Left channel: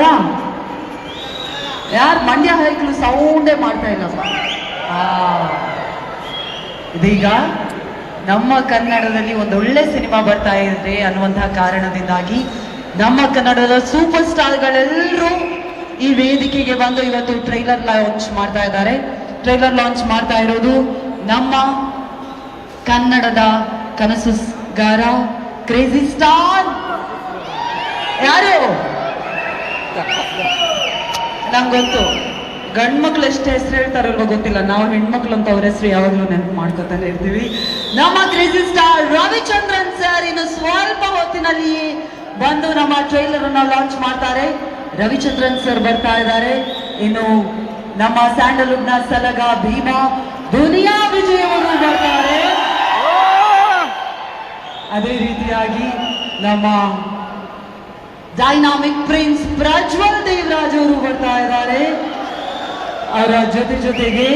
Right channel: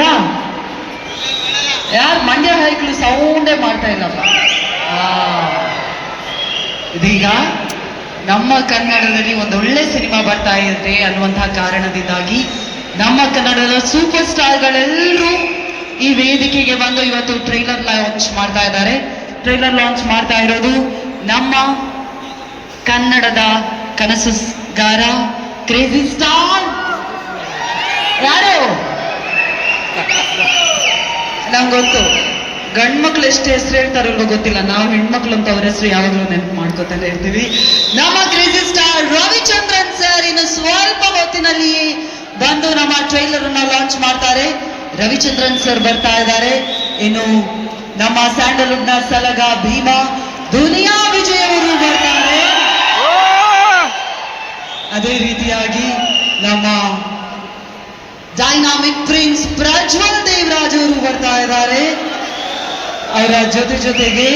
ಮಾಡ್ತಾರಾ? ಯಾರು ಮಂಡ್ಯ ಹೈಕ್ಳು ಸೌಂಡೇ ಮಾಡ್ತಾ ಇಲ್ಲಪ್ಪ. ಇದೀಗ ನಮ್ಮ ಕನ್ನಡದಲ್ಲಿ ಒಂದೊಳ್ಳೆ ಸಿನಿಮಾ ಬರ್ತಾ ಇದೆ ಅನ್ನುವಂತಹ ಕಾರಣದಿಂದಾಗಿ ನಮ್ಮ ಕನ್ನಡದ ಸೂಪರ್ ಸ್ಟಾರ್ಗಳೆಲ್ಲರೂ ಈ ವೇದಿಕೆಗೆ ಬಂದು ಇವತ್ತು ಟ್ರೈಲರ್ ಲಾಂಚ್ ಮಾಡ್ತಾ ಇದ್ದಾರೆ. ಟ್ರೈಲರ್ ಲಾಂಚ್ ಮಾಡ್ತಾ ಇರೋದು ನಮ್ಮ ಕನ್ನಡದ ಕನಸುಗಾರ ಕ್ರೇಜಿ ಸ್ಟಾರ್ ಯಾರು? ನಂಗೆ ಗೊತ್ತು, ಗಂಡ್ಮಕ್ಳು ಎಷ್ಟು ಹೆಸರು ಹೇಳ್ತಾರಲ್ವ ಗೊತ್ತಿಲ್ಲ, ನಾವು ಹೆಣ್ಮಕ್ಳು ಅಂತ ಅವ್ರ ಹೆಸರು ಯಾವಾಗಲೂ ನೆನಪು ಮಾಡ್ಕೊತಾನೆ ಇರ್ತೀವಿ. ನಮ್ಮ ಕ್ರೇಜಿ ಸ್ಟಾರ್ ರವಿಚಂದ್ರನ್ ಸರ್ ಇನ್ನು ಸ್ವಲ್ಪ ಹೊತ್ತಿನಲ್ಲಿ ಬಂದು ನಮ್ಮ ಟ್ರೈಲರ್ ಅನ್ನ ಲಾಂಚ್ ಮಾಡ್ತಾರೆ. ರವಿಚಂದ್ರನ್ ಸರ್ ಬರ್ತಾ ಇದ್ದಾರೆ. ಇನ್ನು ನಮ್ಮ ಸ್ಯಾಂಡಲ್ವುಡ್ ನ ಸಲಗ ಭೀಮಾ ದುನಿಯಾ ವಿಜಯ್ ಅವರು ಬರ್ತಾರೆ. ಅದೇ ರೀತಿಯಾಗಿ ನಮ್ಮ ಡೈನಾಮಿಕ್ ಪ್ರಿನ್ಸ್ ಪ್ರಜ್ವಲ್ ದೇವರಾಜ್ ಅವರು ಬರ್ತಾ ಇದ್ದಾರೆ. ಅವರ ಜೊತೆಗೆ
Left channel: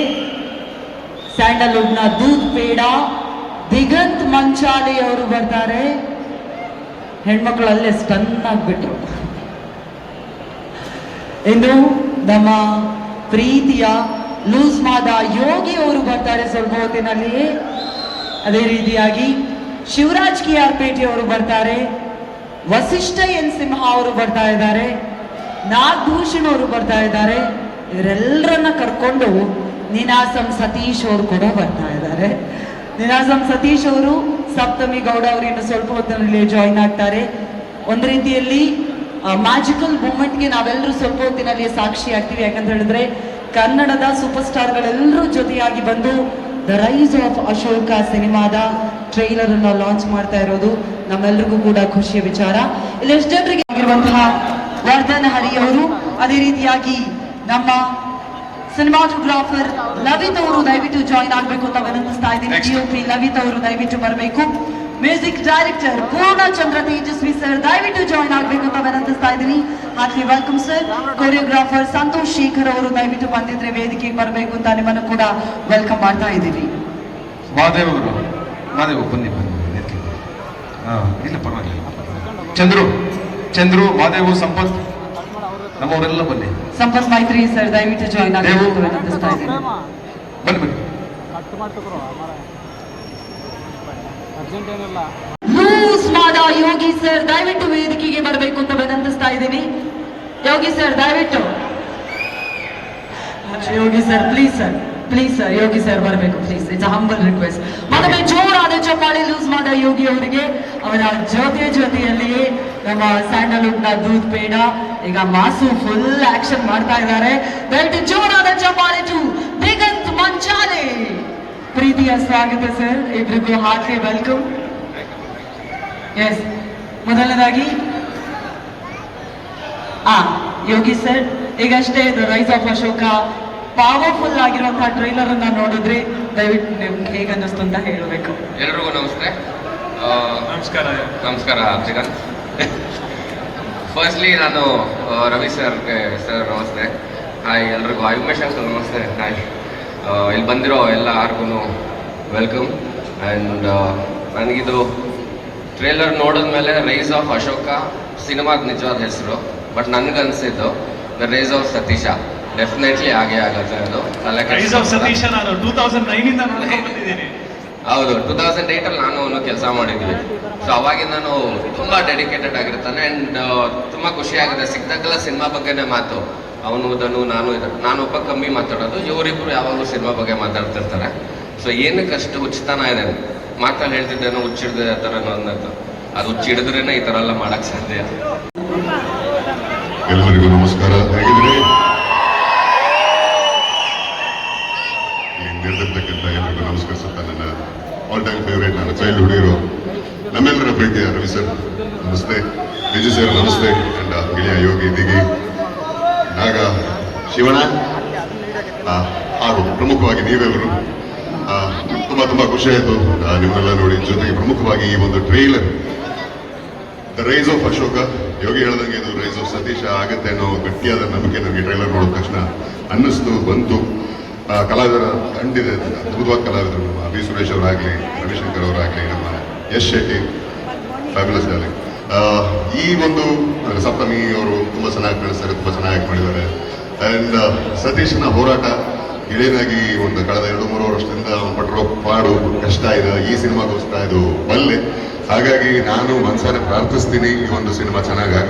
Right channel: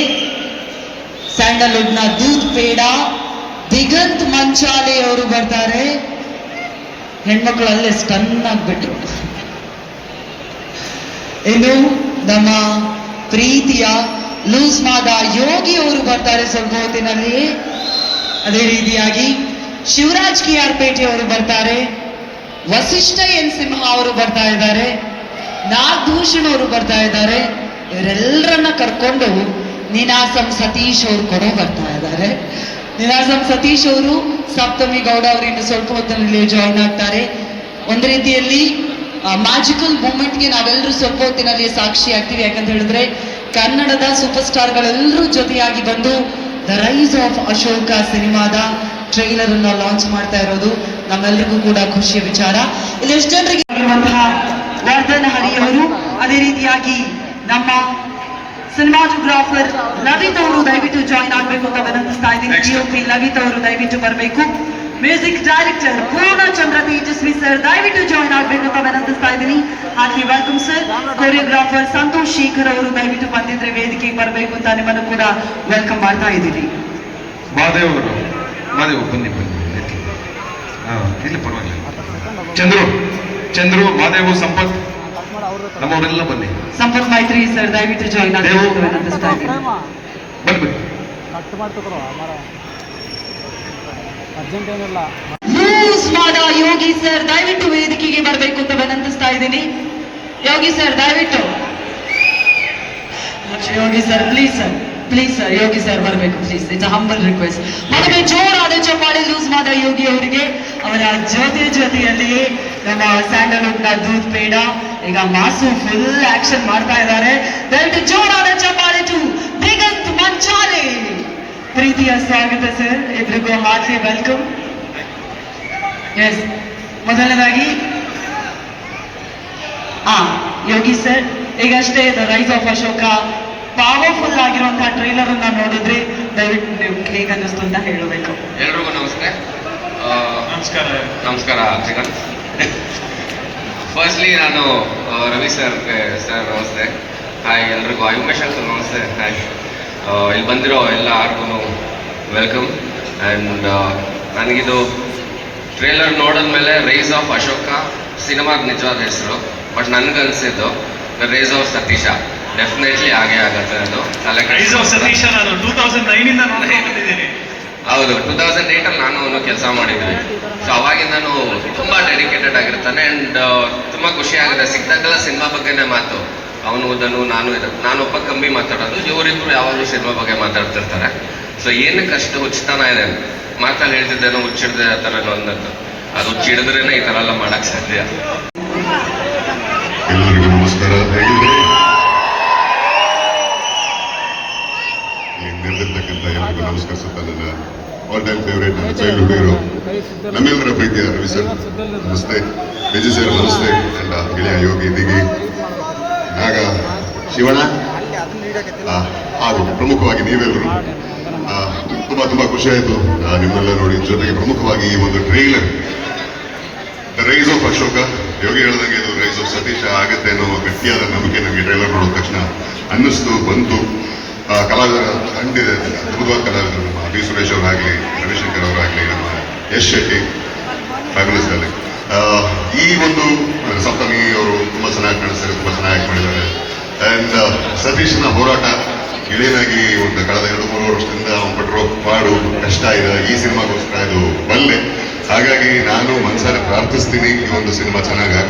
ಸ್ಯಾಂಡಲ್ವುಡ್ ನ ದೂತ್ ಪೇಡ ದಿಗಂತ್ ಮಂಚಾಲೆ ಅವರು ಬರ್ತಾರೆ. ಹೆಣ್ಮಕ್ಳು ಅಲ್ಲೇ ಸ್ಟನ್ ಆಗ್ಬಿಟ್ರು. ಇನ್ನು ನಮ್ಮ ಪ್ರೀತಿಯ ಲೂಸ್ ಮಾದ ಯೋಗಿ ಅವರು ಬರ್ತಾರೆ ಸ್ವಲ್ಪ ಹೊತ್ತಿನಲ್ಲಿ. ಅದೇ ರೀತಿಯಾಗಿ ಶಿವರಾಜ್ ಕಿಯಾರ್ ಪೇಟೆ ಅವರು ಬರ್ತಾರೆ. ವಸಿಷ್ಠ ಎನ್ ಸಿಂಹ ಅವರು ಬರ್ತಾ ಇದ್ದಾರೆ. ನಾಗಭೂಷಣ್ ಅವರು ಬರ್ತಾ ಇದ್ದಾರೆ. ಇವರೆಲ್ಲರನ್ನ ಕರ್ಕೊಂಡು ನೀನಾಸಂ ಸತೀಶ್ ಅವರು ಕೂಡ ಬರ್ತಾ ಇದ್ದಾರೆ. ನೀನಾಸಂ ಸತೀಶ್ ಅವರು ಸಪ್ತಮಿ ಗೌಡ ಅವರು ಇನ್ನು ಸ್ವಲ್ಪ ಹೊತ್ತಿನಲ್ಲಿ ಜಾಯಿನ್ ಆಗ್ತಾರೆ. ಒಂದು ರೀತಿಯಲ್ಲಿ ಮ್ಯಾಜಿಕಲ್ ಮೂಮೆಂಟ್ಗೆ ನಾವೆಲ್ಲರೂ ಸ್ವಲ್ಪ ಹೊತ್ತಿನಲ್ಲಿ ಸಾಕ್ಷಿ ಆಗ್ತೀವಿ. ಯಾಕಂತ ಹೇಳಿದ್ರೆ ಕನ್ನಡದ ಸೂಪರ್ ಸ್ಟಾರ್ಗಳೆಲ್ಲರೂ ಜೊತೆಯಾಗಿ ಬಂದು ದ ರೈಸ್ ಆಫ್ ಅಶೋಕ ಸಿನಿಮಾದ ಟ್ರೈಲರ್ ಅನ್ನು ಲಾಂಚ್ ಮಾಡ್ತಾ ಇರೋದು ನಮ್ಮೆಲ್ಲರಿಗೂ ಕೂಡ ಖುಷಿಯ ವಿಚಾರ. ಇಲ್ಲಿ ಎಷ್ಟು ಜನರಿಗೆ ಆಗಿರುವಂತಹ ವರ್ಧನ್ ಹರಿ ಅವರು, ಅದೇ ರೀತಿಯಾಗಿ ನಮ್ಮ ಸಿನಿಮಾಟೋಗ್ರಾಫರ್ ಲವಿತ್ ಅವರು ದಯವಿಟ್ಟು ಜಾಯಿನ್ ಆಗಬೇಕು ಅಂತ ವಿನಂತಿಸ್ತಾ ಇದ್ದೀನಿ. ಡಿಒಪಿ ಲವಿತ್ ಅವರು ದಯವಿಟ್ಟು ಬರಬೇಕು. Music director Poornachandra Tejaswi sir ದಯವಿಟ್ಟು ಜಾಯಿನ್ ಆಗಬೇಕು ಅಂತ ವಿನಂತಿಸ್ತಾ ಇದ್ದೀನಿ. ಹಾಗೆ welcome sir. Choreographer Santosh Shekhar ಅವರು ದಯವಿಟ್ಟು ಬಂದಿದ್ರೆ ವೇದಿಕೆಗೆ ಬರಬೇಕು ಅಂತ ನಿಮ್ಮನ್ನು ಕೂಡ ವೆಲ್ಕಮ್ ಮಾಡ್ತಾ ಇದ್ದೀನಿ. ಮಾದೇವ್ ಬನ್ನಿ ಇಲ್ಲ ಪರವಾಗಿಲ್ಲ. ಚಂದ್ರು ಮಾದೇವು ಸಂಪತ್ ನಮ್ಮವರೆಲ್ಲ ಬನ್ನಿ. ಸಂಪತ್ ಮೈತ್ರಿ ಸರ್ ದಯವಿಟ್ಟು ಜಾಯಿನ್ ಆಗಬೇಕು ಅಂತ ವಿನಂತಿಸ್ತಾ ಇದ್ದೀನಿ. ಬನ್ನಿ. ಲೂಸ್ ಮಾದ ಯೋಗಿ ಸರ್ ದಯವಿಟ್ಟು ವೇದಿಕೆಗೆ ಬರಬೇಕು ಅಂತ ವಿನಂತಿಸ್ತಾ ಇದ್ದೀನಿ. ಯೋಗಿ ಸರ್ ದಯವಿಟ್ಟು. Yogi sir please sir Yogi sir ಬರಬೇಕು ಪ್ಲೀಸ್. It's humble request. ಮತ್ತೊಮ್ಮೆ ಜೋರಾದ ಚಪ್ಪಾಳೆ ಲೂಸ್ ಮಾದ ಯೋಗಿ ಅವರಿಗೆ. ಅವರ ಜೊತೆಯಲ್ಲಿ ನಮ್ಮ ಸ್ಯಾಂಡಲ್ವುಡ್ ನ ದೂತ್ ಪೇಡ ಈಗ ಮಾಸು ಫುಲ್ ಆಕ್ಷನ್ ಮಾಡ್ತಾ ಇದ್ದಾರೆ. ದಯವಿಟ್ಟು ಜೋರಾದ ಚಪ್ಪಾಳೆ ಟು ದಿಗಂತ್ ಮಂಚಾಲೆ. ಪ್ರೀತಿಯ ಸ್ವಾಗತ ಸರ್, ಇಬ್ರಿಗೂ ಹಾರ್ಟ್ಲಿ ವೆಲ್ಕಮ್. ಎಸ್, ಮೊದಲನೇದಾಗಿ ಯೋಗಿ ಸರ್, ಈಗಷ್ಟೇ the rise of Ashoka powerful ಆಗಿರುವಂತಹ ಟ್ರೈಲರ್ ಅನ್ನ ನೋಡಿದ್ರಿ, ದಯವಿಟ್ಟು ನಿಮ್ಗೆ ಹೇಗೆ ಅನ್ನಿಸ್ತು ಅಂತ ಹೇಳಬೇಕು. ಎಲ್ರಿಗೂ ನಮಸ್ಕಾರ. ಫಸ್ಟ್ಲಿ ನಾನು ರವಿ ಸರ್ ನಮಸ್ತೆ. ಹಾಯ್ ಎಲ್ರಿಗೂ. ಉಮೇಶ್ ಸರ್ ನಮಸ್ತೆ. ಹಾಯ್. ಇಲ್ಲಿ ಬಂದಿರೋ ಎಲ್ಲರಿಗೂ ವೆಲ್ಕಮ್. ಆ್ಯಂಡ್ ನನಗಿದು ಟ್ರೇಲರ್ ನೋಡಿದ್ಮೇಲೆ ರೈಸ್ ಆಫ್ ಅಶೋಕ ಸಿನಿಮಾದ ನಿಜವಾದ ಹೆಸರು. ಬಟ್ ನನಗನ್ಸಿದ್ದು the rise of Satish definitely ಆಗೇ ಆಗತ್ತೆ. ಅದು ಹೌದು, 2008 ನಾನು ಅವನು ಕೆಲಸ ಮಾಡಿದ್ವಿ. ಸೊ ಅವಾಗಿಂದನೂ ತುಂಬ ಡೆಡಿಕೇಟೆಡ್ ಆಗಿರ್ತಾನೆ. ಆ್ಯಂಡ್ ತುಂಬ ಖುಷಿ ಆಗುತ್ತೆ ಸಿಕ್ಕಾಗೆಲ್ಲ ಸಿನಿಮಾ ಬಗ್ಗೆನೇ ಮಾತು. ಅವನು ನಾನು ಒಬ್ಬ ಕಮ್ಮಿ ಮಾತಾಡೋದು, ಇವರಿಬ್ಬರು ಯಾವಾಗಲೂ ಸಿನಿಮಾ ಬಗ್ಗೆ ಮಾತಾಡ್ತಿರ್ತಾರೆ. ಸೊ ಏನಕ್ಕೆ ಅಷ್ಟು ಹುಚ್ಚತನ ಇದೆ, ಮಾತಲ್ಲಿ ಹೇಳ್ತಿದ್ದೇನೋ ಹುಚ್ಚಿಡ್ದೆ ಆ ಥರ ಅನ್ನೋದು. ಅದು ಹುಚ್ಚಿಡಿದ್ರೇನೆ ಈ ಥರ ಎಲ್ಲ ಮಾಡೋಕ್ಕೆ ಸಾಧ್ಯ. ಎಲ್ಲರಿಗೂ ನಮಸ್ಕಾರ. ನಿರ್ದಿರ್ತಕ್ಕಂಥ ಎಲ್ಲರಿಗೂ ನಮಸ್ಕರಿಸುತ್ತಾ ನನ್ನ ಆಲ್ ಟೈಮ್ ಫೇವ್ರೇಟ್, ನನ್ನ ಚೈಲ್ಡ್ಹುಡ್ ಹೀರೋ, ನಮ್ಮೆಲ್ಲರ ಪ್ರೀತಿಯ ರವಿ ಸರ್ ನಮಸ್ತೆ. ವಿಜಯ್ ಸರ್ ನಮಸ್ತೆ. ಅಂಡ್ ಗೆಳೆಯ ಯೋಗಿ ದಿಗಿ ನಾಗ ಶಿವಣ್ಣ ಹಾಗೂ ಪ್ರಮುಖವಾಗಿ ನೀವೆಲ್ಲರೂ ತುಂಬ ಖುಷಿ ಆಯಿತು ನಿಮ್ಮನ್ನೆಲ್ಲ ನೋಡಿ. ಜೊತೆಗೆ ಪ್ರಮುಖವಾಗಿ ಈ ಒಂದು trailer the rise of Ashoka, Yogi ಹೇಳ್ದಂಗೆ ಇದು ರೈಸ್ ಆಫ್ ಸತೀಶ ಆಗುತ್ತೆ ಅನ್ನೋ ಗಟ್ಟಿಯಾದ ನಂಬಿಕೆ ನಮಗೆ ಟ್ರೈಲರ್ ನೋಡಿದ ತಕ್ಷಣ ಬಂತು. ಕಲಾವಿದರ ತಂಡಿದೆ, ಅದ್ಭುತವಾದ ಕಲಾವಿದರು. ನಮ್ಮ ಬಿ ಸುರೇಶ್ ಅವರಾಗಲಿ, ರವಿಶಂಕರ್ ಅವರಾಗಲಿ, ನಮ್ಮ ಯಶ್ ಶೆಟ್ಟಿ ಫ್ಯಾಬ್ಯುಲಸ್ ಅಲ್ಲಿ. ಈ ಒಂದು ಸಪ್ತಮಿ ಅವರು ತುಂಬ ಚೆನ್ನಾಗಿ ಕಾಣಿಸ್ತಾರೆ. ಅಂಡ್ ಸತೀಶನ ಹೋರಾಟ ಗೆಳೆಯನಾಗಿ ಒಂದು ಕಳೆದ 2-3 ವರ್ಷದಿಂದ ಅವನು ಪಟ್ಟಿರೋ ಪಾಡು ಕಷ್ಟ ಇದೆ, ಈ ಸಿನಿಮಾಗೋಸ್ಕರ ಇದು ಬಲ್ಲೆ. ಹಾಗಾಗಿ ನಾನು ಮನಸಾರೆ ಪ್ರಾರ್ಥಿಸ್ತೀನಿ ಈ ಒಂದು ಸಿನಿಮಾ ಚೆನ್ನಾಗಿ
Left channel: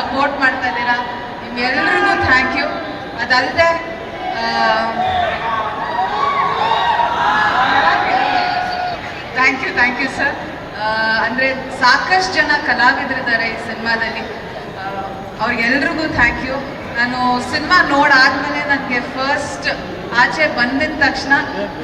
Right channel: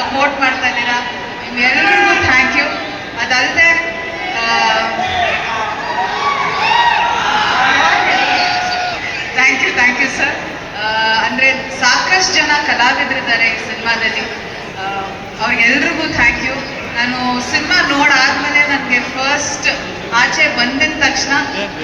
ಸಪೋರ್ಟ್ ಮಾಡ್ತಾ ಇದ್ದೀರಾ, ನಿಮ್ಗೆಲ್ಲರಿಗೂ ಥ್ಯಾಂಕ್ ಯು. ಅದಲ್ಲದೆ ಥ್ಯಾಂಕ್ ಯು ಸರ್. ಅಂದರೆ ಸಾಕಷ್ಟು ಜನ ಕಲಾವಿದರಿದ್ದಾರೆ ಈ ಸಿನಿಮಾದಲ್ಲಿ, ಅವ್ರಿಗೆಲ್ರಿಗೂ ಥ್ಯಾಂಕ್ ಯು. ನಾನು ಸಿನಿಮಾ ನೋಡಾದ್ಮೇಲೆ ನನಗೆ ಫಸ್ಟ್ ಆಚೆ ಬಂದಿದ ತಕ್ಷಣ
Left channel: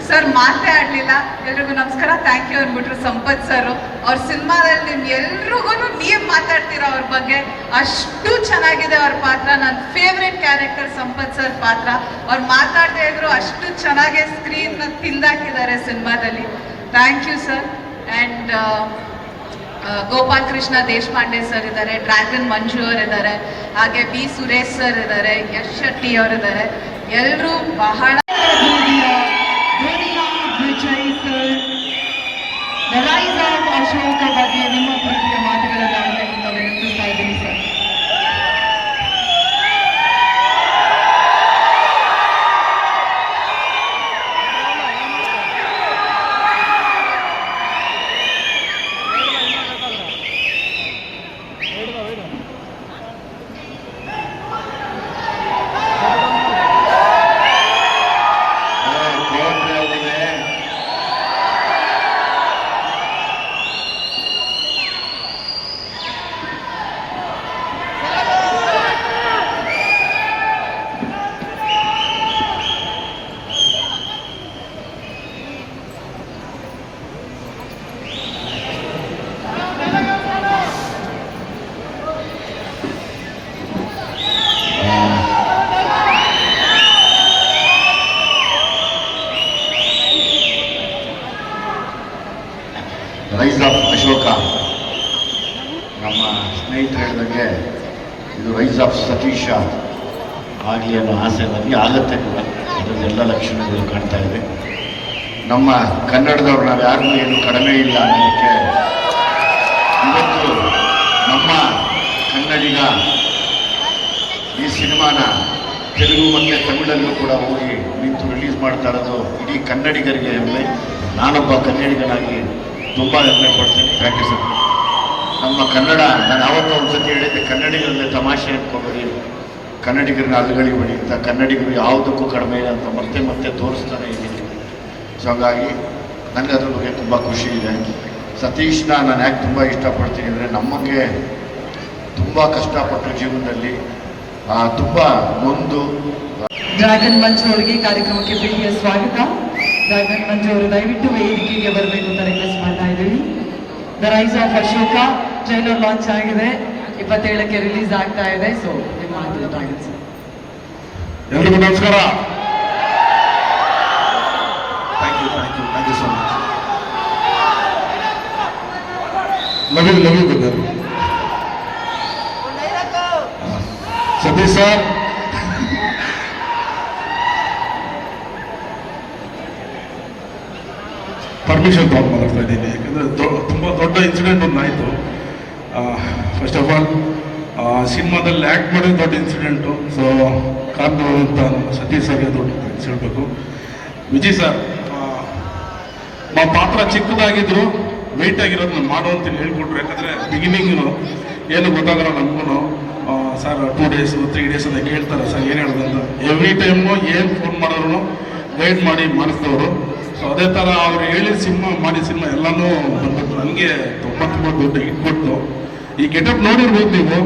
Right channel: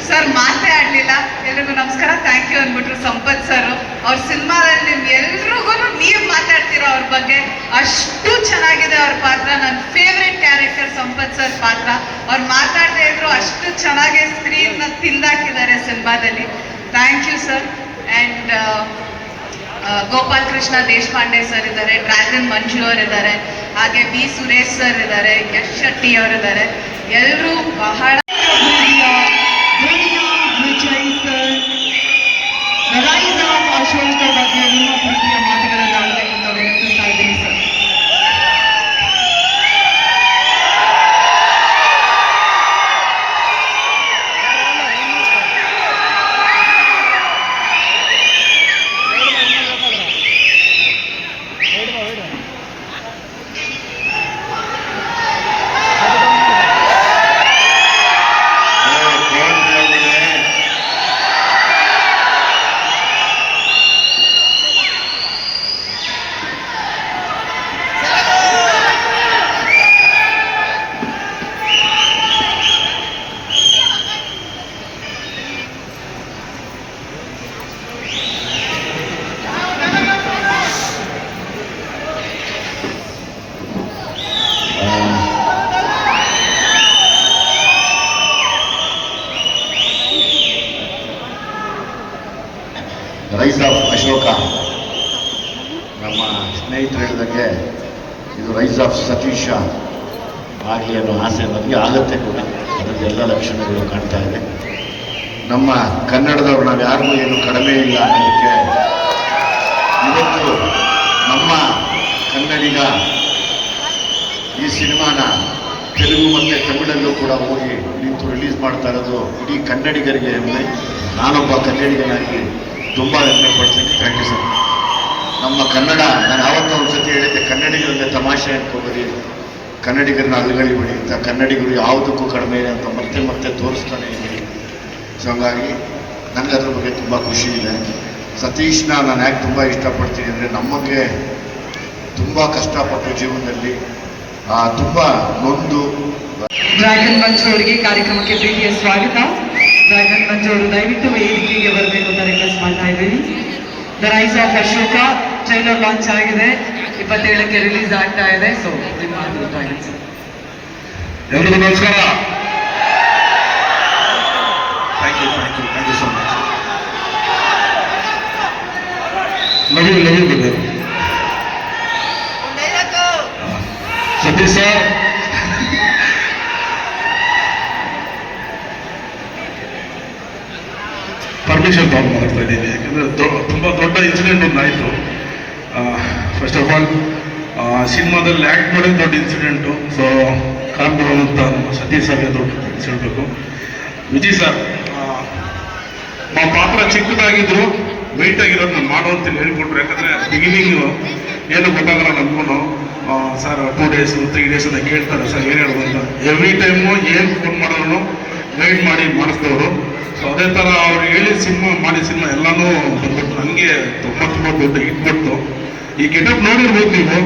ಸರ್ ಮಾತೇ ಆಡಲಿಲ್ಲ, ಎಲ್ರಿಗೂ ನಮಸ್ಕಾರ ಥ್ಯಾಂಕ್ ಯು ಅಂದ್ಬಿಟ್ರು ಸಂಪತ್ ಸರ್. ಅವ್ರ ಸಿನಿಮಾದಲ್ಲಿ ನಿಮ್ಗೆ ಎಲ್ರಿಗೂ ನೀವು ಮಾತಾಡ್ತೀರಾ ಅವ್ರ ಬಗ್ಗೆ, ಅಷ್ಟು ಚೆನ್ನಾಗಿದೆ ಅವ್ರ ಪಾತ್ರ. ನನ್ನ ಫೇವ್ರೆಟ್ ಕ್ಯಾರೆಕ್ಟರ್ ಸಂಪತ್ ಸರ್ ಪಾತ್ರ. ಅವ್ರು ಮಾತಾಡದೇ ಇದ್ರು ಅಷ್ಟು ಚೆನ್ನಾಗಿ ಸ್ಕ್ರೀನ್ನ ತಿಂದಾಕಿದ್ದಾರೆ ಸಿನಿಮಾದಲ್ಲಿ. Thank you sir. And Gopal Krishna Deshpande sir ಇದ್ದಾರೆ, ಡ್ರ್ಯಾಗನ್ ಮಂಜು ಅವರಿದ್ದಾರೆ, ಹಾಗೆ ಬಿ ಸುರೇಶ್ ಸರ್ ಇದ್ದಾರೆ, ಯಶ್ ಶೆಟ್ಟಿ ಅವರಿದ್ದಾರೆ. ಎಲ್ಲರೂ ಬಹಳ ಅಶೋಕ ಬಗ್ಗೆ ನಿಮ್ಮ ಪ್ರೀತಿಯ ಮಾತುಗಳನ್ನು ಆಡಬೇಕು ಅಂತ ವಿನಂತಿಸ್ತಾ ಇದ್ದೀನಿ ಸರ್. ರೈಸ್ ಆಫ್ ಅಶೋಕ, ನಮ್ಮ ಸ್ನೇಹಿತರು ಹೇಳಿದಂಗೆ ಇದು ರೈಸ್ ಆಫ್ ಸತೀಶ ಆಗಲಿ ಅನ್ನೋ ಆಸೆ ನಮಗೆ ಆಗುತ್ತೆ ಕೂಡ. ಅದರಲ್ಲಿ ಎಲ್ಲ ಲಕ್ಷಣಗಳು ಕಾಣ್ತಾ ಇದೆ. ನಮ್ಮ ಕನ್ನಡದವ್ರು ನಾವು ಯಾರಿಗೂ ಏನು ಕಡಿಮೆ ಇಲ್ಲ ಅನ್ನೋದಕ್ಕೆ ಇವತ್ತು ನಮ್ಮ ಕನ್ನಡಿಗ ಈ ಸಿನಿಮಾನ ತೆಲುಗು ಮತ್ತು ತಮಿಳಲ್ಲೂ ಕೂಡ ಹೋಗಿ ನಿಂತು ರಿಲೀಸ್ ಮಾಡ್ತಾ ಇರೋದು ಇಡೀ ಕನ್ನಡಿಗರಿಗೆ ಹೆಮ್ಮೆ. ನಾನೊಬ್ಬ ಕನ್ನಡಿಗನಾಗಿ ತುಂಬ ಹೆಮ್ಮೆ ಪಡ್ತೀನಿ. Thank you sir. ನಮ್ಮ ಕನ್ನಡ, ನಾನು ಯಾವತ್ತೂ ಒಂದು ಸತಿ ಹೇಳಿದ್ದೆ, ಕನ್ನಡಿಗರಲ್ಲೇ ತಮಾಷೆ ಅನ್ಕೋಬೇಡಿ, ಕನ್ನಡಿಗರನ್ನ ಅಲ್ಲಗಳಿಬೇಡಿ ಅಂತ. ಕನ್ನಡಿಗರು ಯಾವುದಕ್ಕೂ ಕಡಿಮೆ ಇಲ್ಲ ಅಂತ ಮತ್ತೆ ಮತ್ತೆ ತೋರಿಸ್ತಾನೆ ಇದ್ದೀನಿ. ಸೊ ಹಂಗಾಗಿ ನನಗೆ ಅದ್ರ ಬಗ್ಗೆ ತುಂಬ ಖುಷಿ ಇದೆ. ಸತೀಶ್ನ ನಾನು ಯಾಕೆ ತುಂಬ ಇಷ್ಟಪಡ್ತೀನಿ ಅಂದರೆ, ನಮಗೆ ತುಂಬ ಕಷ್ಟಪಟ್ಟು ಜೀವನದಲ್ಲಿ ತುಂಬ ನೊಂದು. ಡ್ರ್ಯಾಗನ್ ಮಂಜು ಅವರಿಗೆ ಕಾರ್ಯಕ್ರಮಕ್ಕೆ ಪ್ರೀತಿಯ ಸ್ವಾಗತ. ಡ್ರ್ಯಾಗನ್ ಮಂಜು ಅವರು ದಯವಿಟ್ಟು ವೇದಿಕೆಗೆ ಬರಬೇಕು ಅಂತ ರಿಕ್ವೆಸ್ಟ್ ಮಾಡ್ತಾ ಇದ್ದೀವಿ. The rise of Ashoka trailer launch ಆಗಿದೆ, 27ಕ್ಕೆ ರಿಲೀಸ್ ಆಗ್ತಾ ಇದೆ. ಸೊ ನಿಮ್ಮ ಡ್ರ್ಯಾಗನ್ ಸರ್. ಎಲ್ರಿಗೂ ನಮಸ್ಕಾರ. Thank you so much. Love you brother. Satish sir, permission ತಗೊಂಡು ಮಾತಾಡ್ತಾ ಇದ್ದೀನಿ, ಯಾಕಂದರೆ ತುಂಬ ದೊಡ್ಡ ಇನ್ಸಿಡೆಂಟ್ ಒಂದು ಆಯಿತು. ಫಸ್ಟ್ ಆಫ್ ಆಲ್ ಸಿನಿಮಾದಲ್ಲಿ ಆ್ಯಕ್ಟ್ ಮಾಡೋದು ದೊಡ್ಡ ಇನ್ಸಿಡೆಂಟು. ಸೊ ಕಾರಣ ಅಂತ ನಮ್ಮ ಸತೀಶ್ ಸರ್ಗೆ ದೊಡ್ಡ ಥ್ಯಾಂಕ್ಸ್ ಹೇಳಬೇಕು. ವಿಜಯ್ ಸರ್, మా ಪಾತ್ರ ಚಿಕ್ಕದಾಗಿದ್ರು ವೆಯ್ಟ್ ಆಗಿರೋದು ನಾನು ಮಾಡುವಂತ ಹೇಳ್ಕೊಟ್ರು. ಯಾಕಂದರೆ ಬಿಗಿನಿಂಗು ಏನು ಗೊತ್ತಾಗಲ್ಲ ನಮಗೂ. ಸರ್ 2 days 3 days ಅಂತ ಕೇಳ್ತಾರೆ, ಸರ್ ಏನು ಹೇಳೋದು ಅಂತ. ಎವ್ರಿ ಟೈಮು ಏನು ಫೋನ್ ಮಾಡಿದ್ರು ಗೈಡ್ ಮಾಡಿ ಮಾಡಿಸಿದವರು. ಸೊ ಅದೇ ಥರ ಅವ್ರು ಹೇಳಿದ ಸಿನಿಮಾ ಎಲ್ಲನೂ ಬಂದ್ಬಿಟ್ಟು ನನಗೆ ತುಂಬ ದೊಡ್ಡ ಹಿಟ್ ಕೊಟ್ಟು. ಈ ಗೆಟಪ್ ನೋಡಿರ್ಬೋದು ನೀವು.